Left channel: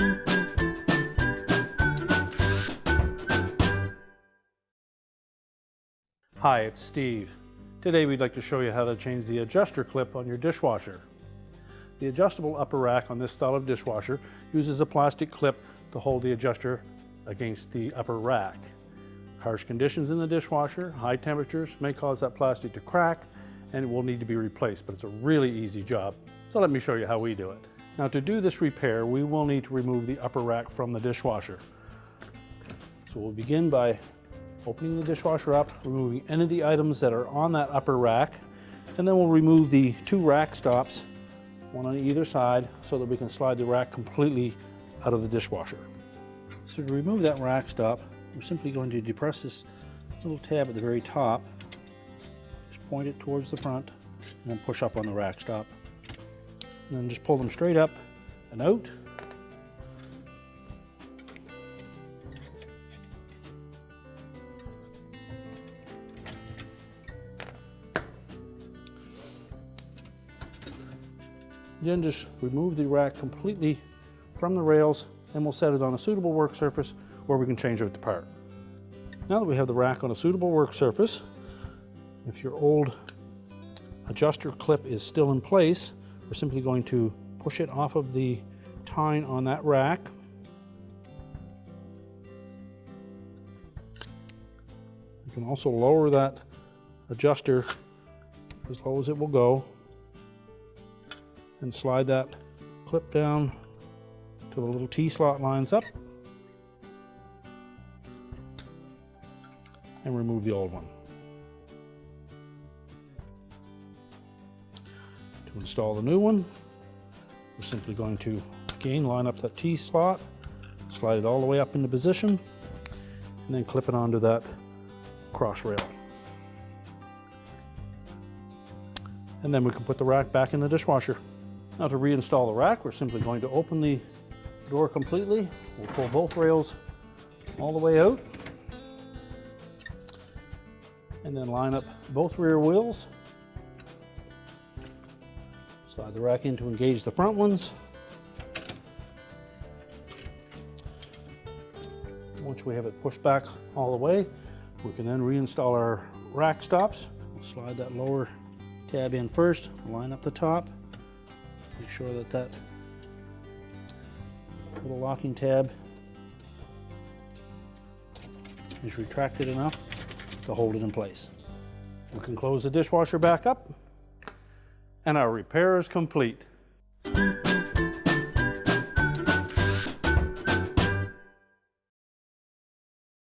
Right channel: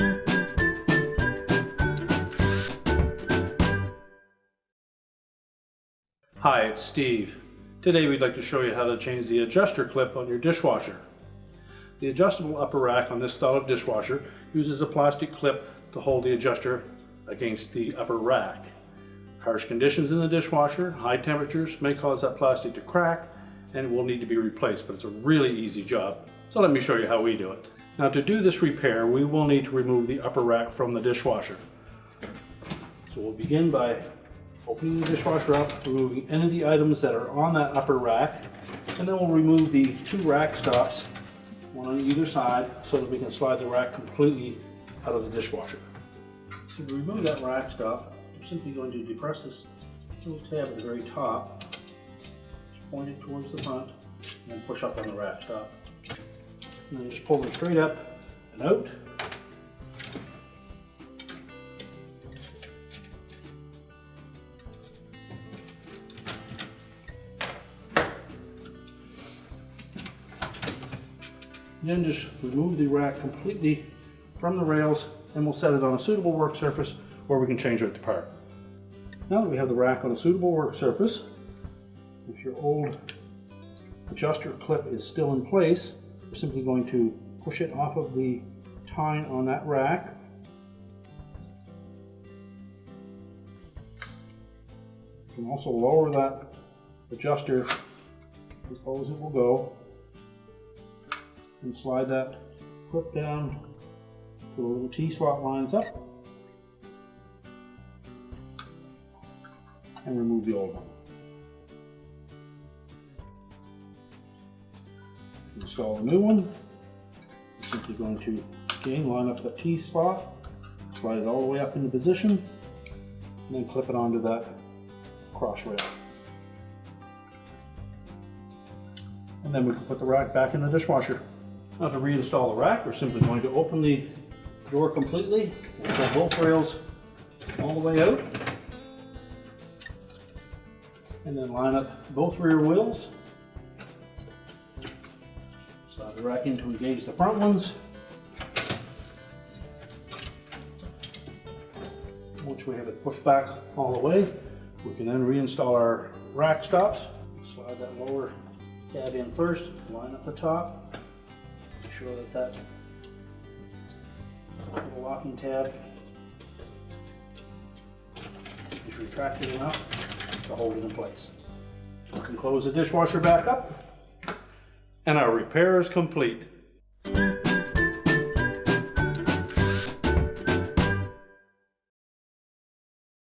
Hi, it's Steve. Today we'd like to show you how to change the adjuster clip on your dishwasher. The adjustable upper rack on this style of dishwasher uses a plastic clip to hold the adjuster against the upper rack. Harsh conditions in the dishwasher, high temperatures may cause that plastic to crack and will need to be replaced, but it's a really easy job. So let me show you how we do it. Now to do this repair, we will need to remove the upper rack from the dishwasher. So we'll begin by opening the dishwasher up, removing any of the items that are on that upper rack, and then we'll remove the two rack stops, one on either side, so that we can slide the rack completely out of the dishwasher. So to remove that rack stop, we're simply going to depress this little tab at the very top, just point it towards the front, and then push up on the rack stop. And then just pull them straight up and out. Then just remove the rack completely from the rails, and we'll set it on a suitable work surface where we can change it apart. Now that we have the rack on a suitable work surface, if your old adjuster clip is still in place, we're simply going to push it off of the tine on that rack. You can also lower that adjuster as low as it will go, and slide that clip down till the little T-slot lines up, and remove the old one. To install the new one, we're simply going to again line up that T-slot, slide it all the way up into position, and then clip it onto that cross rail. And then we can put the rack back in the dishwasher. Now to reinstall the rack, we're simply going to open the door completely, and pull both rails all the way out, and then line up both rear wheels. Slide the rack in to engage the front ones. Once we have it pushed back all the way, we can then reinstall our rack stops. Slide that lower tab in first, line up the top. Make sure that that little locking tab is retracted enough to hold it in place. We can close the dishwasher back up, and our repair is complete.